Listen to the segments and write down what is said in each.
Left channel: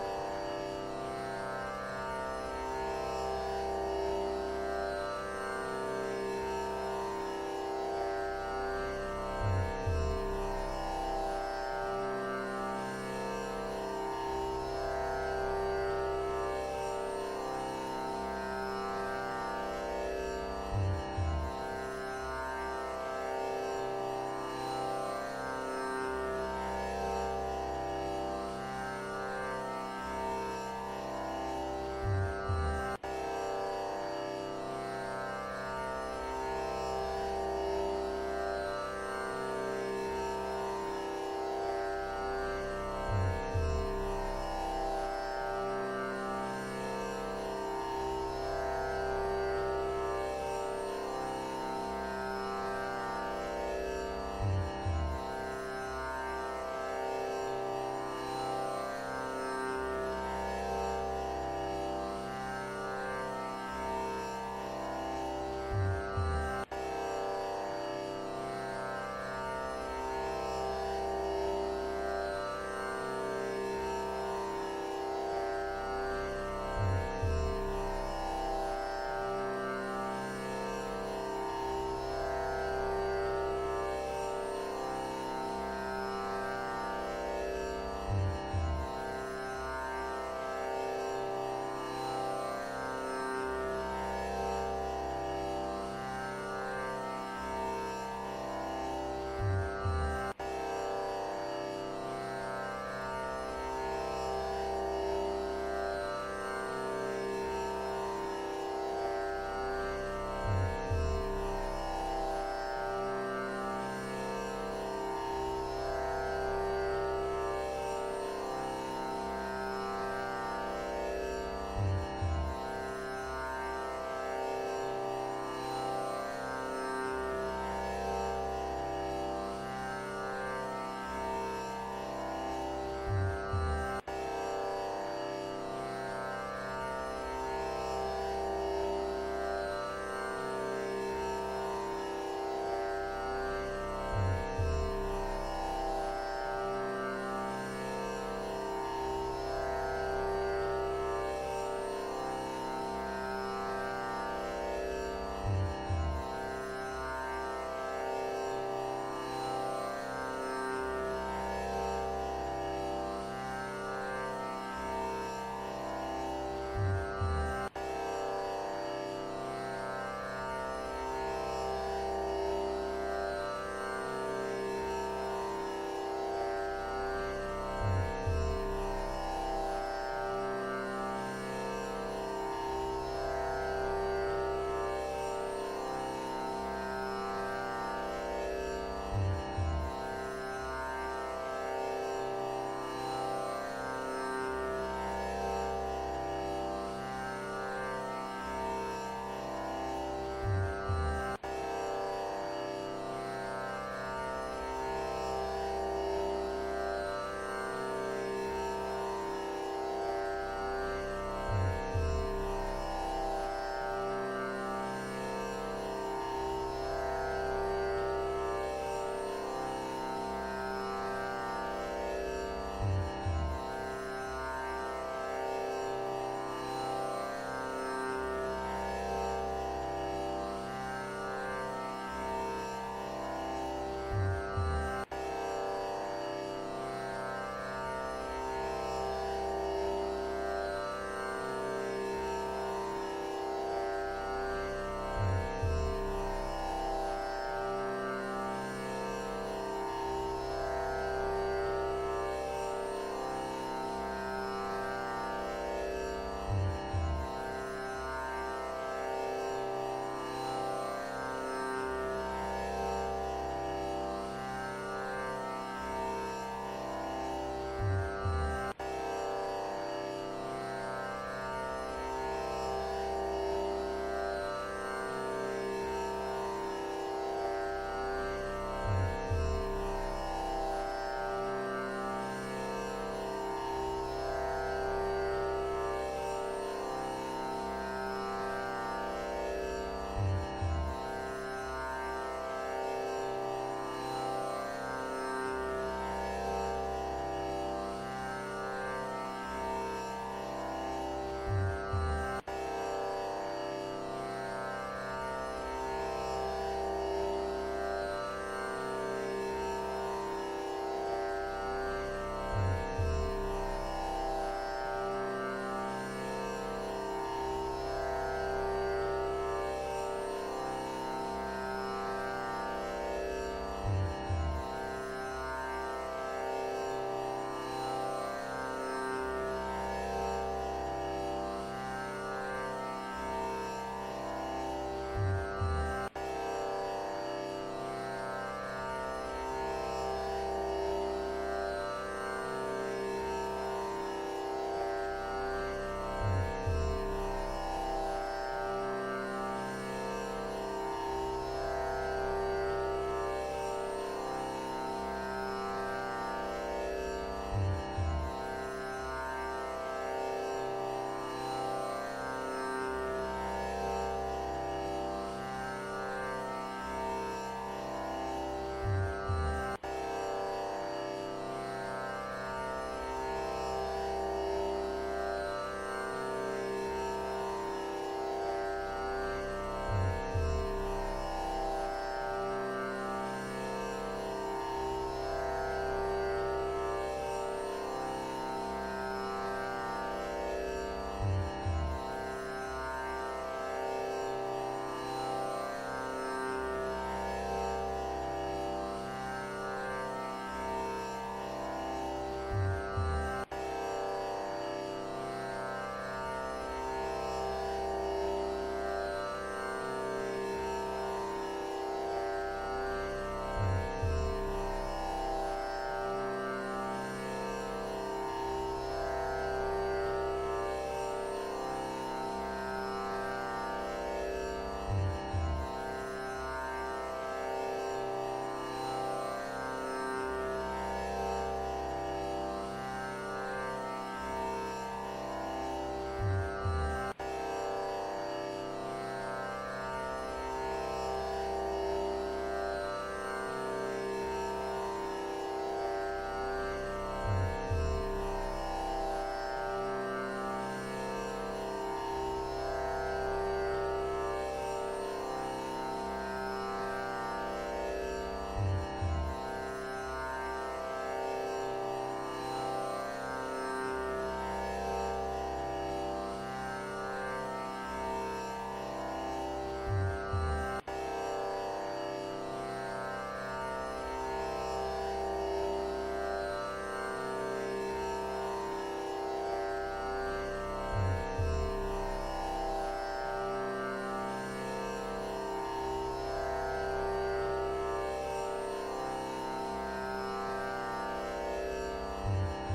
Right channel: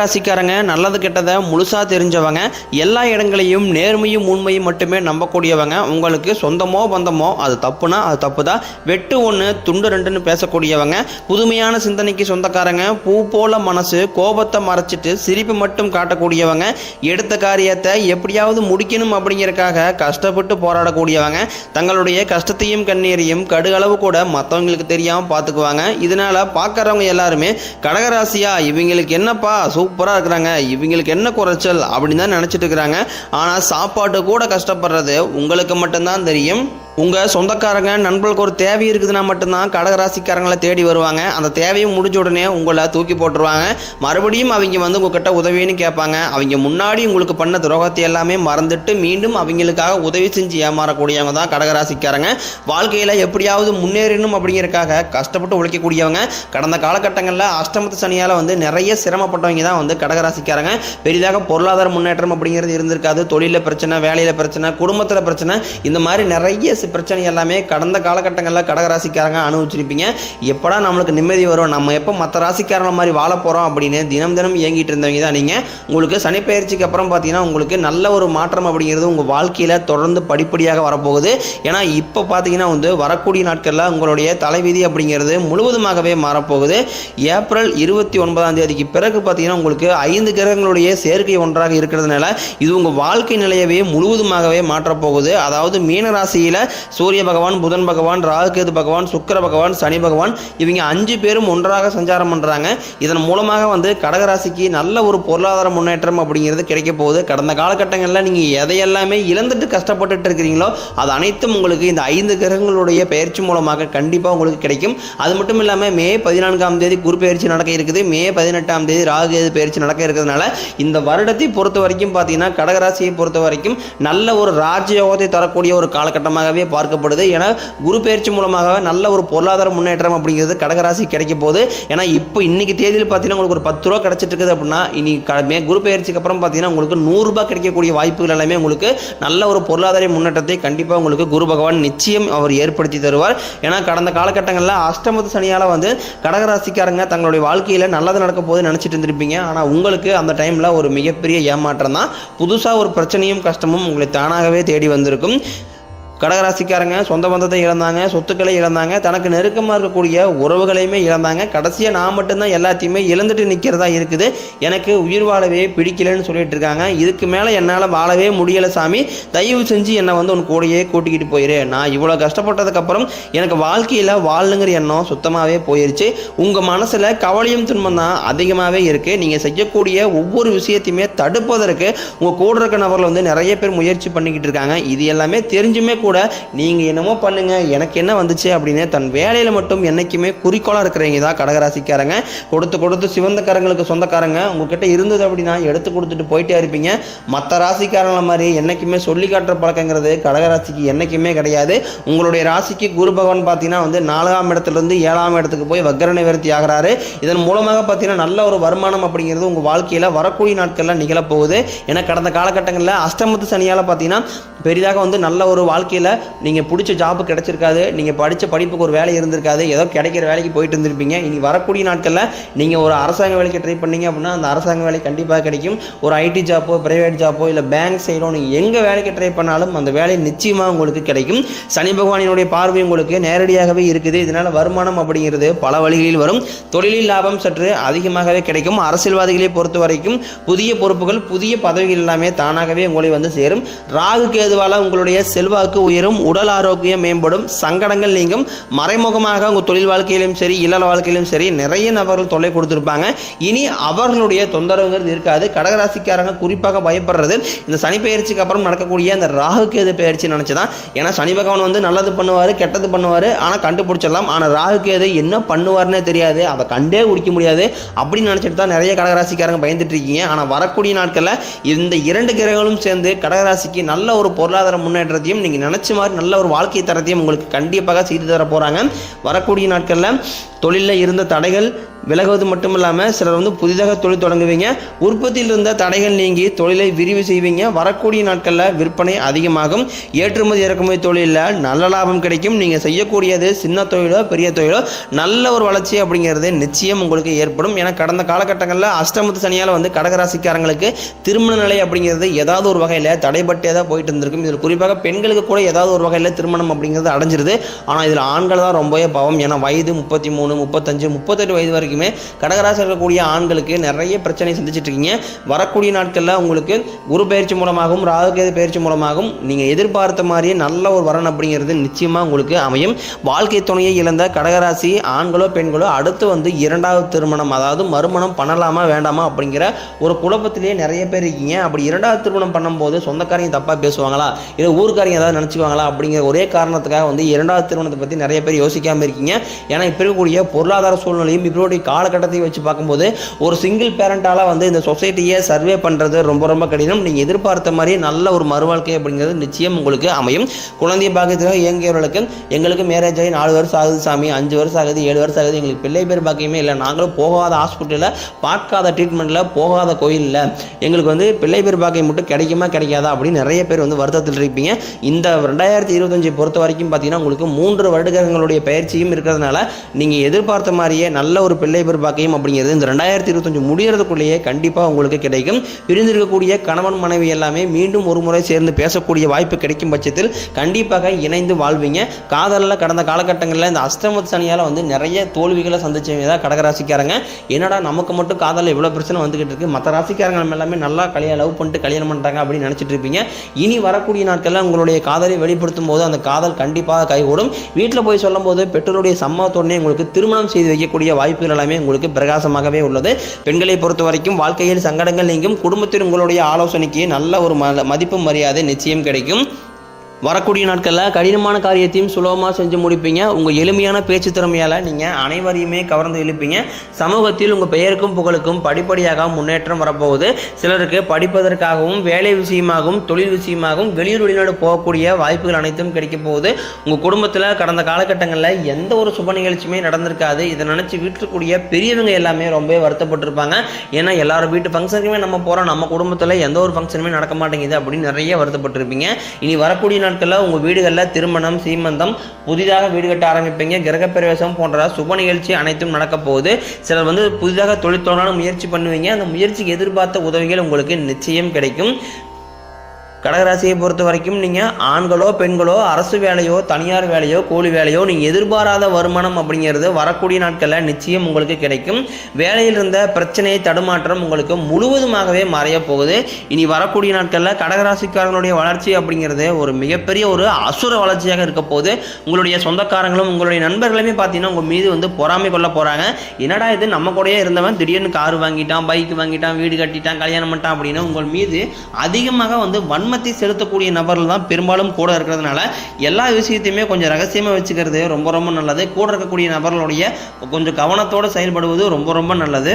கடகராசிக்காரங்க நல்லது கெட்டதை முழுசாக தெரிஞ்சவங்க, எல்லா இடங்களையும் நேர்மையும் உண்மையும் மட்டுமே நம்பக்கூடியவங்க. உங்களுக்கு சொந்தமோ பந்தமோ அது தப்புனா அது தப்பு தான், வெட்டு ஒன்று துண்டு ரெண்டுன்னு பேசக்கூடியவங்க. புதுமையான சிந்தனைக்கு சொந்தக்காரங்க, பூ போல மனசு, கோபத்தை மறைச்சிட்டு சிரிப்பு மட்டும் காட்டக்கூடியவங்க. எடுத்த காரியத்தை எப்படியாவது முடிக்கணும் அப்படிங்கிறதுக்காக கஷ்டப்பட்டு போராடக்கூடியவங்க. தங்களுடைய கஷ்டத்தையும் கண்ணீரையும் கடுகளவு கூட மற்றவங்களுக்கு தெரியாமல் பார்த்துக்குவாங்க. இதனால் பார்க்குறவங்க எல்லாருமே கடகராசியா இவங்களுக்கு என்னப்பா சூப்பராக இருக்கிறாங்க, இவங்களுக்கு என்ன குறைச்சல் அப்படின்னு தான் நினச்சிட்டு இருக்கிறாங்க. ஆனால் சாப்பாட்டு கூட கஷ்டப்படுறது உங்களுக்கு மட்டும்தான் தெரியும். உங்கள் சொந்தக்காரங்க நண்பர்களுக்கு ஒரு தேவை இருக்குதுன்னா மட்டும்தான் கடகராசிக்காரங்களை தேடி வருவாங்க. அந்த தேவையும் முடிஞ்ச உடனே உங்களை தூக்கி போட்டுருவாங்க. மறுபடியும் அவங்க வந்து உங்ககிட்ட உதவின்னு கேட்பாங்க. அவங்க முன்னாடி உங்களுக்கு பண்ண துரோகத்தை எல்லாமே மறந்துட்டு மீண்டும் அவங்களுக்காக உதவி செஞ்சு ஏமாறக்கூடியவங்க தான் கடகராசிக்காரங்க. வாழ்க்கையில் எப்படியாவது முன்னேறணும் அப்படிங்கிறதுக்காக கஷ்டப்பட்டு உழைக்கக்கூடியவங்க. கடந்த காலகட்டங்களில் அஷ்டமத்து சனியால் வந்து நிறைய சிரமப்பட்டவங்க தான் வந்து கடகராசிக்காரங்க. பெரிதாக பொருளாதார முன்னேற்றம் அப்படிங்கிறது இருந்திருக்காது. தொழிலில் பிரச்சனை, வேலையில் பிரச்சனை, குடும்பத்தில் பிரச்சனை, இந்த மாதிரி நிறைய பிரச்சனை எல்லாமே கடந்த காலகட்டங்களில் கடகராசிக்காரங்க அனுபவிச்சிருப்பீங்க. எப்படா நம்மளுக்கு நிம்மதி வரும், நம்ம எப்போ மற்ற ராசிக்காரங்க மாதிரி வாழ போகிறோம் அப்படின்னு தினம் தினம் இயங்கிட்டு இருந்தவங்க தான் நீங்கள். உங்களுக்கு சனிப்பெயர்ச்சிக்கு அப்புறம் பார்த்தீங்கன்னா உங்களுக்கு நல்ல ஒரு மாற்றம் அப்படிங்கிறது உங்கள் வாழ்க்கையில் தொடர்ந்து படிப்படியாக வரப்போகுது. ஏன்னா இப்போ பார்த்தீங்கன்னா வந்து வரக்கூடிய நாட்களில் உங்களுடைய தலைவிதி அப்படிங்கிறது முழுவதுமாகவே மாறப்போகுது. ஏப்ரல் 29 பிறகு பார்த்தீங்கன்னா உங்களுக்கு 5 கிரகங்களுடைய சேர்க்கை ஒன்றாக இருக்கிறதுனால இது உங்கள் வாழ்க்கை நிலையவே முழுவதுமாகவே மாற்றப்போகுது. அதாவது மீன ராசியில் சூரிய பகவான், புதன் பகவான், ராகுகேது பகவான், சுக்கிர பகவான், சனி பகவான், இவங்க 5 பேரும் ஒன்றாக சஞ்சாரம் பண்ணுறாங்க. இதன் மூலமாக வந்து கடகராசிக்கு நல்ல ஒரு பொருளாதார முன்னேற்றம் அப்படிங்கிறது கிடைக்க போகுது. கடந்த காலகட்டங்களில் நீங்கள் எதையெல்லாமே இழந்துட்டு கஷ்டப்பட்டுட்டு இருக்கிறீங்களோ அது அனைத்தும் உங்களுக்கு இந்த 5 கிரகங்களுடைய பயிற்சி மூலமாக கண்டிப்பாக உங்களுக்கு கிடைக்கும். அது மட்டும் இல்லாமல் மே 14 குரு பயிற்சி நடக்க இருக்குது. மே 18 ராகுகேது பயிற்சி நடக்க இருக்கிறதுனால இந்த வருடத்தை பொறுத்த வரைக்கும் பார்த்தீங்கன்னா கடகராசியை பொறுத்த வரைக்கும் நல்ல ஒரு ராஜயோகத்தை தரக்கூடிய ஒரு காலகட்டமாகவே பார்க்கப்படுது. ஏன்னா குரு பயிற்சி மூலமாக நல்ல ஒரு பொருளாதார முன்னேற்றம் அப்படிங்கிறது கடகராசி கிடைக்க போகுது. ஏன்னா இப்போ இன்னைக்கு தேதியில் பார்த்தீங்கன்னா உங்களுக்கு ஒரு 10 ரூபா கிடைச்சிட்டு இருக்குது அப்படின்னா இனி குரு பயிற்சிக்கு அப்புறம் பார்த்தீங்கன்னா உங்களுக்கு 100 ரூபாய் கிடைக்கக்கூடிய வாய்ப்புகள் எல்லாமே உங்களுக்கு நல்ல ஒரு பொருளாதார முன்னேற்றத்தை கண்டிப்பாக உங்களுக்கு குரு பகவான் நிச்சயம் அவர் ஏற்படுத்தி தருவார். ஏன்னா கடந்த காலகட்டங்களில் அஷ்டமத்து சனியால் வந்து கடகராசிக்காரங்க தங்களுடைய வாழ்க்கையில் நல்லது நடக்க போது நினச்சிட்டு இருந்திருப்பீங்க. ஆனால் உங்களுக்கு அந்த டைமில் ஒரு மிகப்பெரிய ஏமாற்றம் தான். புதுசாக ஒரு பிரச்சனையும் கஷ்டமும் உங்களை தானாகவே தேடி வந்திருக்கும். கடகராசிக்காரங்க சொந்த பந்தத்தை இழந்தாங்க, சொத்துக்களை இழந்தாங்க, தனக்கு நெருக்கமாக இருக்கக்கூடிய உறவுகளையுமே இழந்தாங்க. கடைசியாக நான் மட்டும்தான் எல்லாத்தையுமே இழந்துட்டு நிற்கிறதா இருக்குது, எனக்கு உயிர் வாழவே பிடிக்கலன்னு சொல்லிட்டு இருக்காங்க. இதுக்கு மேலே என்னால் வாழவே முடியலை சாமி, தயவு செஞ்சு என்னை வந்து உன் கூடையே கூட்டிக்கிட்டு போயிரு. நான் இவ்வளோ கஷ்டப்பட்டதுக்கப்புறம் எனக்கு வாழ்க்கையில் வாழணுங்கிற எண்ணம் சுத்தமாகவே போயிடுச்சு. உங்கள் மனசில் கவலையும் துன்பம் தான் அதிகமாகவே இருக்குது. நீங்கள் செய்யக்கூடிய ஒவ்வொரு விஷயத்தையுமே தடுப்பதற்கு உங்கள் கூட இருக்க நபர்கள் வந்து நிறைய பேர் முயற்சி பண்ணிக்கிட்டு இருக்காங்க. இது எல்லாமே தெரிஞ்சுமே கூட நீங்க என்னமோ பண்ணுங்க, எனக்கு என்ன வந்துச்சு அப்படின்னு தன் வேலையில மட்டும் என்னைக்குமே குறிக்கோளா இருக்கிறவங்க தான் கடகராசிக்காரங்க. கொடுத்து சிவந்தக்காரங்களுக்கு சொந்தக்காரங்க. உங்ககிட்ட இருந்தது அப்படின்னா எடுத்து கொடுத்துட்டு போயிட்டே இருப்பீங்க. மற்ற ராசிக்காரங்கள மாதிரி என்னைக்குமே சொல்லி காட்டுற பழக்கங்கிறது கடகராசிக்கு என்னைக்குமே கிடையாது. உங்களுடைய ராசிக்கு குரு பகவான் பார்த்தீங்கன்னா வந்து 4ஆம் இடத்துலேருந்து 7ஆம் இடத்துக்கு போய் வக்ர நிவர்த்தி ஆகிறாரு. இதன் மூலமாக பார்த்தீங்கன்னா நல்ல ஒரு வருமானம் அப்படிங்கிறது உங்கள் வாழ்க்கையில் வரக்கூடிய நாட்களில் நிகழப்போகுது. ஏன்னா கடந்த காலகட்டங்களில் அஷ்டமத்து சனியால் பார்த்தீங்கன்னா பெரிதாக வந்து நல்ல ஒரு வாழ்க்கையில் நீங்கள் பிடிச்ச ஜாப்பு கிடைச்சிருக்காது, நீங்கள் படித்த படிப்புக்கு ஒரு வேலை இருந்திருக்காது, ஏதோ கிடைக்கிற வேலைக்கு போயிட்டு இருந்திருப்பீங்க. இனி வரக்கூடிய நாட்களில் நீங்கள் ஒரு அரசாங்க வேலைக்கு ட்ரை பண்ணீங்க அப்படின்னா அந்த அரசாங்க வேலை கண்டிப்பாக கிடைக்கும். ஒரு ஐடி ஜாப்போ, பிரைவேட் ஜாப்போ, இல்லை பேங்க் சைடோ நீங்கள் எங்கே வேலைக்கு ட்ரை பண்ணாலும் அந்த வேலை நிச்சயமாக உங்களுக்கு கிடைக்கும். சனி பகவானினுடைய பார்வை உங்களுக்கு நேரடியாகவே இருக்குது. இதனால் வருமானம் அப்படிங்கிறது பல வழிகளில் வரும். தொழிலில் லாபம் சற்று அதிகமாகவே கிடைக்கும். அரசியல்வாதிகளை பொறுத்த வரைக்கும் புதிய பொறுப்புகள், புதிய பதவிகள் எல்லாமே தானாகவே உங்களை வந்து சேரும். ராகு கேதுவால் உங்களுடைய செல்வாக்கு உயரும், உடல் ஆரோக்கியம் மேம்படும், சங்கடங்கள் நீங்கும். மறைமுகமாக உங்கள் தொழில் வாழ்க்கையிலும் சரி, இல்லற வாழ்க்கையிலும் சரி நிறைய நபர்கள் தொல்லை கொடுத்துருப்பாங்க. இனி அவர்களுடைய தொந்தரவுங்கிறது இருக்காது. கடகராசிக்காரங்க குறிப்பாக பயப்படுறது இந்த சனி பயிற்சிக்கு அப்புறம் நடக்கக்கூடிய அந்த ராகு கேது பயிற்சி நினச்சிதான். ஏன்னா சனி பகவான் வந்து நல்லது பண்ணுவார், கெட்டது பண்ணுவார், ஆனால் கண்டுபிடிச்சிடலாம். ஆனால் ராகு கேது என்ன பண்ணுவார்னே தெரியாது, அதை கண்டே குடிக்க முடியாது அப்படின்னு நினச்சிட்டு தான் நிறைய கடகராசிக்காரங்க பயந்துட்டு இருக்கீங்க. ஆனால் வரக்கூடிய நாட்களில் இந்த 2 கிரகங்களும் சேர்ந்து கடகராசிக்கு நல்ல ஒரு பொருளாதார முன்னேற்றத்தையும் நீங்கள் நினச்ச மாதிரி நல்ல ஒரு வாழ்க்கை தரத்தையும் உங்களுக்கு கண்டிப்பாக செய்து தர போகிறாங்க. வரக்கூடிய நாட்களில் தொழிலில் இருந்த தடைகள், விலகுவது மட்டும் இல்லாமல் சிலர் வந்து புதிதாக தொழில் தொடங்குவீங்க. உற்பத்தியில் இருந்த தடைகள் நீங்கி தொழிலை விரிவு செய்வீங்க. வரக்கூடிய நாட்களில் விற்பனை அதிகமாகும். ஏற்றுமதி இறக்குமதி தொழிலில் நல்ல லாபம் கிடைக்கும். நீங்கள் செய்யக்கூடியது சின்ன தொழிலோ பெரிய தொழிலோ நல்ல ஒரு வளர்ச்சி அப்படிங்கிறது நிச்சயம் உங்களுக்கு ஏற்படும். ஏன்னா கடந்த காலகட்டங்களில் அஷ்டமத்து சனியால் வந்து கடகராசிக்காரங்களுக்கு திருமண நிலை அப்படிங்கிறது ஏதாவது ஒரு வகையில் தடைபட்டே தான் போயிட்டு இருந்திருக்கும். இதில் குறிப்பாக பெண்களுக்கு கூட ஏதாவது ஒரு வகையில் திருமணம் அப்படிங்கிறது அடைஞ்சிருது. ஆனால் இதில் ஆண்கள் தான் ரொம்பவே பாவம். ஏன்னா வயது 33, 35, 38 வயது வரைக்கும் கடகராசி இருக்கக்கூடிய ஆண்களுக்கு நிறைய பிரச்சனை சந்திச்சிட்டு இருக்கீங்க. வரக்கூடிய நாட்களில் உங்களுக்கு குரு பயிற்சி மூலமாகவும் ராகுகேது பயிற்சி மூலமாகவும் நீங்க எதிர்பார்த்த மாதிரியே நல்ல ஒரு வரன் அப்படிங்கிறது நிச்சயமா உங்களுக்கு அமையும். வாழ்க்கை துணையை இழந்த கடகராசி ஆண்களோ பெண்களோ அடுத்து வந்து இரண்டாவது திருமணம், அதாவது மறுமணம் பண்ணலாமா வேண்டாமா அப்படிங்கிற ஒரு குழப்பத்திலேயே நிறைய பேர் இருக்கீங்க. அப்படி இரண்டாவது திருமணம் பண்ணும்போது சொந்தக்காரங்க தப்பா பேசுவாங்களா, இல்லை ஊர்க்காரங்க ஏதாவது நினைச்சுக்குவாங்களா அப்படிங்கிற ஒரே காரணத்துக்காக வந்து இரண்டாவது திருமணத்தை பத்தி நிறைய பேர் யோசிக்காம இருக்கீங்க. ஏன்னா இப்ப இருக்கக்கூடிய பொருளாதார சூழ்நிலையும் இப்படி காலகட்டத்தை வச்சு பார்க்கும்போது ஒரு சிங்கிள் பேரண்டால வந்து இந்த சொசைட்டியை சர்வே பண்றது ரொம்ப ரொம்ப கடினம். நீங்க எதிர்பார்த்த மாதிரி நல்ல ஒரு மறுவாழ்க்கை அப்படிங்கிறது நிச்சயம் உங்களுக்கு அமையும். குழந்தை பாக்கியத்தில் இயங்கியவர்களுக்கு எங்களுக்கு மேரேஜ் ஆகி 4 வருஷம் ஆகுது சாமி, 5 வருஷம் ஆகுது, 7 வருஷம் ஆகுது, எங்களுக்கு பிள்ளை பேர் பாக்கியமே இல்லை, நாங்களும் போகாத ஹாஸ்பிட்டலில் பார்க்காத ட்ரீட்மெண்ட்டில் போகாத கோயிலில் எங்களுக்கு வந்து பிள்ளை பேர் பாக்கியம் மட்டும் கிடைக்குமா கிடைக்காதா அப்படின்னு நிறைய பேர் வந்து வருத்தத்தில் இருப்பீங்க. இந்த 2025 பொறுத்த வரைக்கும் பார்த்தீங்கன்னா உங்களுக்கு 3 வருடங்களுடைய பயிற்சியும் இருக்கிறதுனால நீங்கள் எதிர்பார்த்த மாதிரியே நல்ல ஒரு பிள்ளை பேர் பாக்கியம் அப்படிங்கிறது இந்த 2025 முடியறதுக்குள்ளேயே கண்டிப்பாக உங்களுக்கு கிடைக்கும். பிரிந்திருக்கக்கூடிய கணவன் மனைவி எல்லாமே மீண்டும் ஒரு முறை சேர்ந்து பேசக்கூடிய வாய்ப்பு கிடைக்கும் பட்சத்தில் கண்டிப்பாக இணைந்து வாழ்வீங்க. காதலில் கடந்த காலகட்டங்களில் இந்த அஷ்டமத்து சனியால் வந்து நிறைய தோல்விகளை சந்திச்சவங்க தான் கடகராசிக்காரங்க. என்னடா நமக்கு மட்டும் காதலில் இவ்வளோ பிரச்சனை வந்துகிட்டு இருக்கு, மற்ற ராசிக்காரங்க எல்லாமே நல்லா லவ் பண்ணிட்டு கல்யாணம் பண்ணிட்டாங்க அப்படின்னு நினச்சிட்டு இருப்பீங்க. இனி வரக்கூடிய நாட்களில் உங்களுடைய காதலை வெளிப்படுத்தும் போது அந்த காதல் கண்டிப்பாக கைகூடும். வீட்டில் போய் சொல்லும் போது பெற்றோருடைய சம்மதத்தோடனே உங்களுக்கு திருமணம் செய்து வைக்கக்கூடிய வாய்ப்புகள் எல்லாமே உங்களுக்கு பிரகாசமாகவே உள்ளது. பெண்களை பொறுத்த வரைக்கும் வாழ்க்கையில் சங்கடங்கள் நீங்கும். குடும்பத்தில் உங்களுடைய ஆலோசனைக்கு நல்ல ஒரு மதிப்பு மரியாதை நிச்சயம் கிடைக்கும். வரக்கூடிய நாட்களில் கடினமான காரியத்தையும் சுலபமாக செஞ்சு முடிப்பீங்க. உங்கள் எளிமையான பேச்சு திறமையால் நீங்கள் அனைவரையுமே கவர்ந்து இழுப்பீங்க. சமூகத்தில் உங்கள் பெயருக்கும் புகழுக்கும் படிப்படியாக முன்னேற்றம் வரப்போகுது. சிலருக்கு படிப்பதற்காகவும் வேலை விஷயமாகவும் தொழில் விஷயமாகவும் வெளியூர் வெளிநாடு போகக்கூடிய வாய்ப்புகள் அனைத்தும் கிடைக்க போகுது. உங்கள் குடும்பத்தில் கடந்த காலகட்டங்களில் எந்த ஒரு சுப நிகழ்ச்சியுமே நடந்திருக்காது. இதை நினச்சி வீட்டுக்கூடிய பெரியவங்க எல்லாமே ரொம்ப வருத்தப்பட்டிருப்பாங்க. ஏன்னா எல்லாரும் வீட்டு ஃபங்க்ஷனுக்குமே நம்ம போகிறோம், நம்ம குடும்பத்தில் எந்த ஒரு ஃபங்க்ஷனுமே நடக்க மாட்டேங்குது அப்படின்னு நிறைய வருத்தப்பட்டிருப்பீங்க. இனி வரக்கூடிய நாட்களில் உங்கள் வீடுகளில் திருமணம், சீமந்தம், புதிதாக வீடு கட்ட ஆரம்பிப்பீங்க. கிரகப்பிரவேசம் போன்ற சுப நிகழ்ச்சி அனைத்தும் நடக்க போகுது. சிலர் வந்து புதிதாக தொழில் தொடங்க முயற்சி பண்ணுவீங்க. அந்த முயற்சிக்கு எதிர்பார்த்த உதவிகள் உங்களுக்கு நிச்சயம் கிடைக்கும். கடகராசியை பொறுத்த வரைக்கும் நீங்கள் ஆண்களோ பெண்களோ அரசு வேலையோ தனியார் வேலையோ கூலி வேலையோ நீங்கள் எதிர்பாராத வருமானம் அப்படிங்கிறது வரக்கூடிய நாட்களில் நிச்சயம் உங்களுக்கு கிடைக்கும். வேலையில் இருந்த பிரச்சனையை தடுமாற்றம் உங்களுக்கு முழுவதுமாகவே மறைய போகுது. இனி வரக்கூடிய நாட்களில் கடகராசிக்காரங்களுடைய வளர்ச்சி அப்படிங்கிறது ஒரு மிகப்பெரிய ஒரு அசுர வளர்ச்சியாக இருக்க போகுது. உங்களுடைய சொந்தக்காரங்களும் உங்களுடைய நண்பர்களுமே பார்த்தீங்கன்னா உங்கள் மீது வந்து பொறாமை கொள்ள போகிறாங்க. என்னடா இது நம்ம கூடயே இருந்தவன் திடீர்னு கார் வாங்கிட்டான், பைக் வாங்கிட்டான், வீடு கட்டிட்டான், கல்யாணம் பண்ணிட்டான் அப்படின்னு உங்கள் மீது அதிகமாக வந்து வன்மத்தை செலுத்தக்கூடிய நபர்கள் தான் பெரும்பாலும் கூட இருக்கிறதுனால எல்லா விஷயத்தையுமே கொஞ்சம் ரகசியமாக வச்சுக்கிறது ரொம்ப ரொம்ப நல்லது. கூட இருக்கக்கூடிய நபர்களுடைய கொஞ்சம் கவனத்தோடு செயல்படுவது ரொம்ப ரொம்ப நல்லது.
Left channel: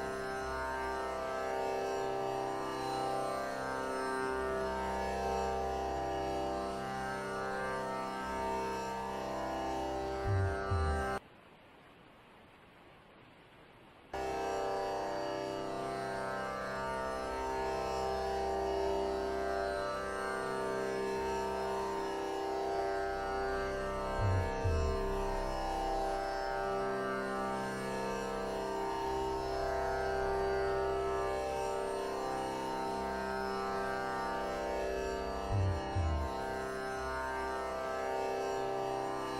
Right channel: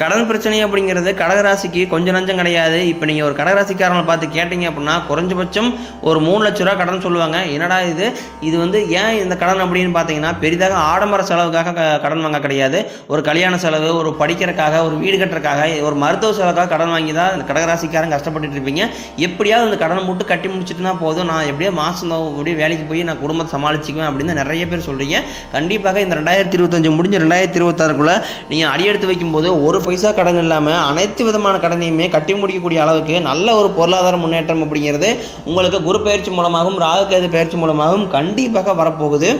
கடன் பிரச்சனை அப்படிங்கிறது கடகராசிக்கு கொஞ்சம் நஞ்சம் கிடையாது. இப்போ நீங்கள் ஒரு கடகராசிக்காரங்களை பார்த்து கேட்டீங்க அப்படின்னா குறைஞ்சபட்சம் ஒரு 3 லட்ச ரூபா கடன் சொல்லுவாங்க. என்னடா இது வந்து ஏன் இந்த கடன் அப்படின்னு பார்த்தீங்கன்னா பெரிதாக ஆடம்பர செலவுக்காக கடன் வாங்க கிடையாது. ஒரு கல்யாண செலவு, ஒரு படிக்கிறதுக்காக, ஒரு வீடு கட்டுறதுக்காக, ஒரு மருத்துவ செலவுக்காக கடன் வாங்கி தான் இந்த கடகராசிக்காரங்க கஷ்டப்பட்டு இருப்பீங்க. எப்படியாவது அந்த கடனை மட்டும் கட்டி முடிச்சுட்டுனா போதும், நான் எப்படியோ மாதம் அப்படியே வேலைக்கு போய் நான் குடும்பத்தை சமாளிச்சுக்குவேன் அப்படின்னு நிறைய பேர் சொல்கிறீங்க. கண்டிப்பாக இந்த 2025 முடிஞ்ச 2026க்குள்ளே நீங்கள் அடியெடுத்து வைக்கும்போது ஒரு பைசா கடன் இல்லாமல் அனைத்து விதமான கடனையுமே கட்டி முடிக்கக்கூடிய அளவுக்கு நல்ல ஒரு பொருளாதார முன்னேற்றம் அப்படிங்கிறது உங்களுக்கு குரு பயிற்சி மூலமாகவும் ராகுகேது பயிற்சி மூலமாகவும் கண்டிப்பாக வரப்போகுது.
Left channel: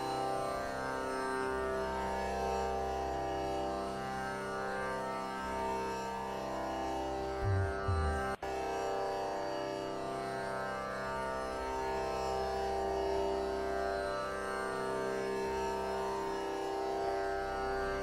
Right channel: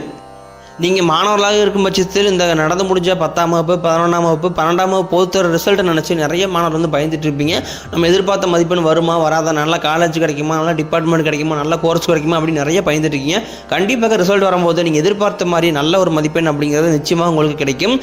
நீங்கள் மாணவர்களாக இருக்கும் பட்சத்தில் இந்த நடந்து முடிஞ்ச 10ஆம் வகுப்பு, 11ஆம் வகுப்பு, 12ஆம் வகுப்பு பொறுத்த ரிசல்ட்டை நினச்சி நிறைய மாணவர் வந்து பயந்துட்டு இருப்பீங்க. நம்ம எதிர்பார்த்த மதிப்பெண் வருமா வராதா, நல்ல காலேஜ் கிடைக்குமா, நல்ல டிபார்ட்மெண்ட் கிடைக்குமா, நல்ல கோர்ஸ் கிடைக்குமா அப்படின்னு நிறைய பயந்துட்டு இருக்கீங்க. கண்டிப்பாக ரிசல்ட் வரும்போது நீங்கள் எதிர்பார்த்த மாதிரி நல்ல ஒரு மதிப்பெண் அப்படிங்கிறது நிச்சயமாக உங்களுக்கு கிடைக்கும்.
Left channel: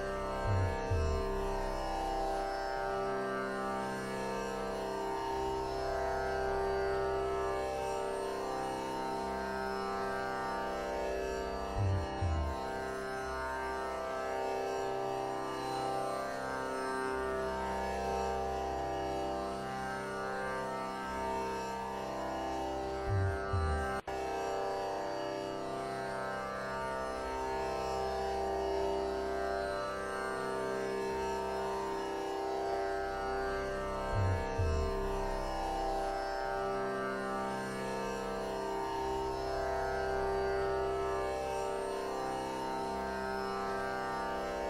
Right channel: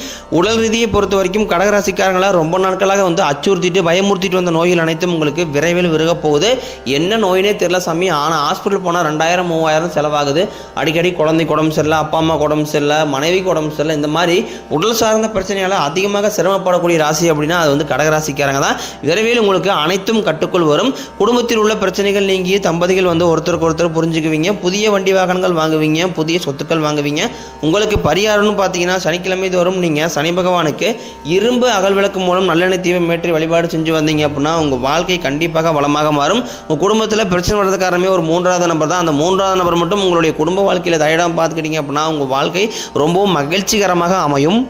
உடல் ரீதியை பொறுத்த வரைக்கும் கடகராசிக்காரங்களாக ரொம்ப நாட்களாக வந்து அச்சுறுத்திட்டு பயமுறுத்திட்டு வந்த நோய்கள் அனைத்தும் உங்களுக்கு விரைவில் விருக போகுது. என்ன நோயினே தெரியல சாமி, ஆனால் ஹாஸ்பிட்டல் போனால் 2000 3000 செலவாகுது. அடிக்கடி குழந்தைக்கு உடம்பு சரியில்லை, அப்பா அம்மா உடம்பு உடம்பு சரியில்லை, மனைவிக்கு உடம்பு சரியில்லை, இந்த மாதிரி உடல் சார்ந்த பிரச்சனையால் அதிகமாக சிரமப்படக்கூடிய ராசி அப்படின்னா அது வந்து கடகராசிக்காரங்க தான். விரைவில் உங்களுக்கு அனைத்தும் கட்டுக்குள் வரும். குடும்பத்தில் உள்ள பிரச்சனைகள் நீங்கி தம்பதிகள் வந்து ஒருத்தருக்கு ஒருத்தர் புரிஞ்சுக்குவீங்க. புதிய வண்டி வாகனங்கள் வாங்குவீங்க, புதிய சொத்துக்கள் வாங்குவீங்க. உங்களுக்கு பரிகாரம்னு பார்த்தீங்கன்னா சனிக்கிழமை தோறும் நீங்கள் சனி பகவானுக்கு இரும்பு அகல் விளக்கு மூலம் நல்லெண்ணெய் தீபம் ஏற்றி வழிபாடு செஞ்சு வந்தீங்க அப்படின்னா உங்கள் வாழ்க்கை கண்டிப்பாக வளமாக மாறும். உங்கள் குடும்பத்தில் பிரச்சனை வர்றது காரணமே ஒரு 3வது நபர் தான். அந்த 3வது நபர் மட்டும் உங்களுடைய குடும்ப வாழ்க்கையில் தயடாமல் பார்த்துக்கிட்டீங்க அப்படின்னா உங்கள் வாழ்க்கை ரொம்பவும் மகிழ்ச்சிகரமாக அமையும்.